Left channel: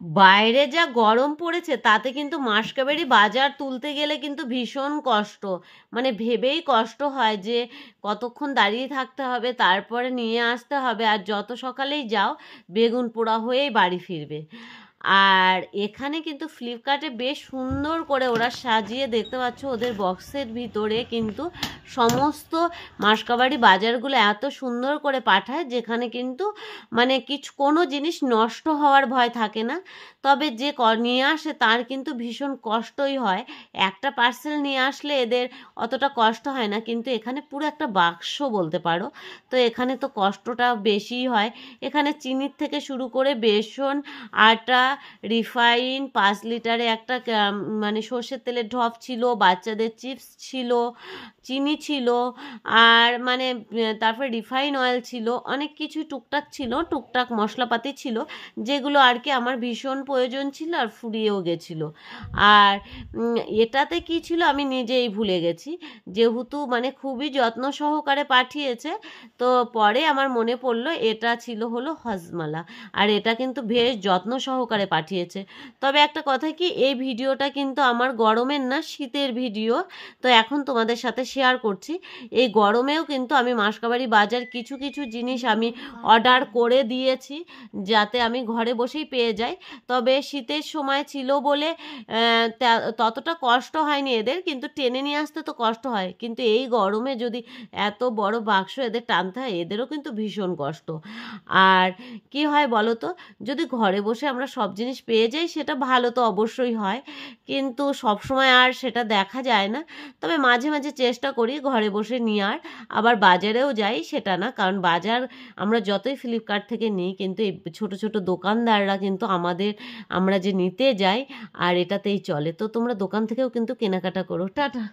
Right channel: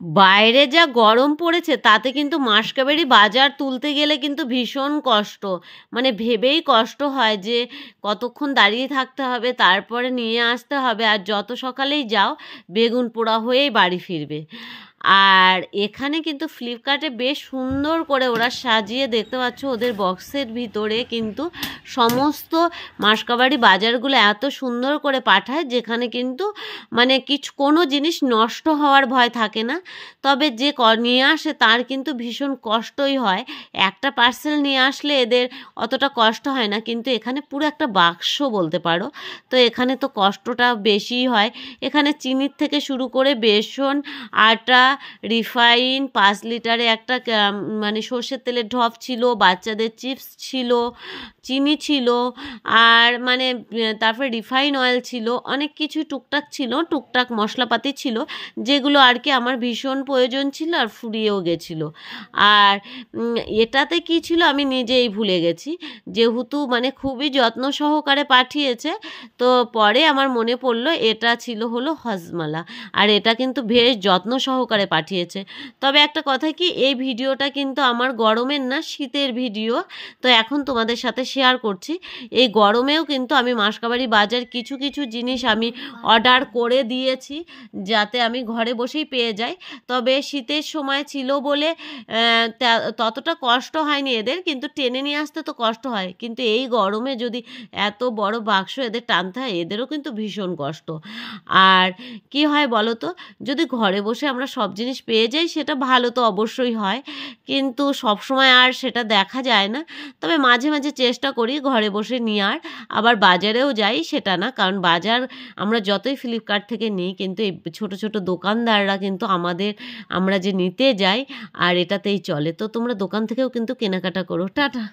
বাইরে যা গরম পড়েছে তাতে কিন্তু মাসকাবাড়ি বাজার তুলতে গেলে কিন্তু ভীষণ কষ্ট, মানে ভেবেই কষ্ট হয় যে কতক্ষণ দাঁড়িয়ে থাকতে হবে, তারপরে নিয়ে আসতে হবে, আর যত সকালেই যাও বেগুন পোড়া হয়েই বাড়ি ফিরবে। আর এখানে কিন্তু ফ্লিপকার্টে বেশ সুন্দর করে ওরা সাজিয়ে, দেখতে পাচ্ছ ওদের বক্সের ভিতরে কিন্তু সমস্ত মাসকাবাড়ি বাজারগুলো এত সুন্দর করে পাঠায়, যেখানে কিন্তু মানে কোনো জিনিস নষ্ট হওয়ার ভয় থাকে না। তবে যে নিয়ে আসে তার কিন্তু ভীষণ কষ্টই হয়। একটা পার্সেল নিয়ে আসলে এদের অতটা কষ্ট হয় না, কিন্তু এখানে পুরো একটা বাক্স বলতে পারো, তো এখানে তো কষ্টটা বেশিই হয়। এখানে চিনির থেকে শুরু করে বেসন, আটা, রিফাইন, 5 লিটারে একটা মানে সর্ষের তেলের ঢপ ছিল, বাচ্চাদের চিপস ছিল, চিনি ছিল, আর মানে তারপরে রিফাইন অয়েল ছিল, অনেক কিছু টুকটাক ছিল, টুকটাক মশলাপাতি ছিল, যেগুলো আর কি আমার ভীষণ প্রয়োজন ছিল আর ফুরিয়েও গেছিলো। আর এটাতে কি ছিল আমি নিজেই ভুলে গেছি, যেহেতু মানে খুবই যত্ন সহকারে পাঠিয়েছে, তো পরে আমার মনে পড়লো এটা ছিল হলো হজমালা, আর এটা কিন্তু বেশ যত্ন সহকারে পাঠিয়েছে। তবে একটা কথা কি, এই ভিডিওটা কিন্তু আমার গরমের না, শীতের ভিডিও, তো এখন তোমাদের সাথে শেয়ার করছি। এই গরমেও কিন্তু আমি মাসকাবাড়ি বাজার কিছু কিছু জিনিস আমি অর্ডার করে দিয়েছি, যাতে আমি ঘরে বসেই পেয়ে যাই। তবে শীতের সময় ছিল বলে ততটা কষ্ট হয়নি এদের, কিন্তু টেনে নিয়ে আসতে তো কষ্ট হয়, কিন্তু এই গরমে যদি এত বড় বাক্স এদের টানতে হয়, এদেরও কিন্তু ভীষণ কষ্ট। আর কি হয় বলো তো, যদি ঘরে বসে আমরা সব জিনিস পেয়ে যাই সেটা ভালো তো অবশ্যই হয়, কিন্তু সবসময় আর সেটা দেখা যায় না। তবে মাঝে মাঝে চেষ্টা করি ঘরে বসে নেওয়ার, আবার বাজারেও যাই সেটা না, কারণ বাজার আমরা যতই ফ্লিপকার্ট থেকে নিই, কিন্তু এই ছোট ছোট দোকানদাররা কিন্তু আমরা যে নিতে যাই আর এটাতেই চলে। তো তোমরা দোকান থেকেও কিন্তু কেনাকাটা করো। টাটা।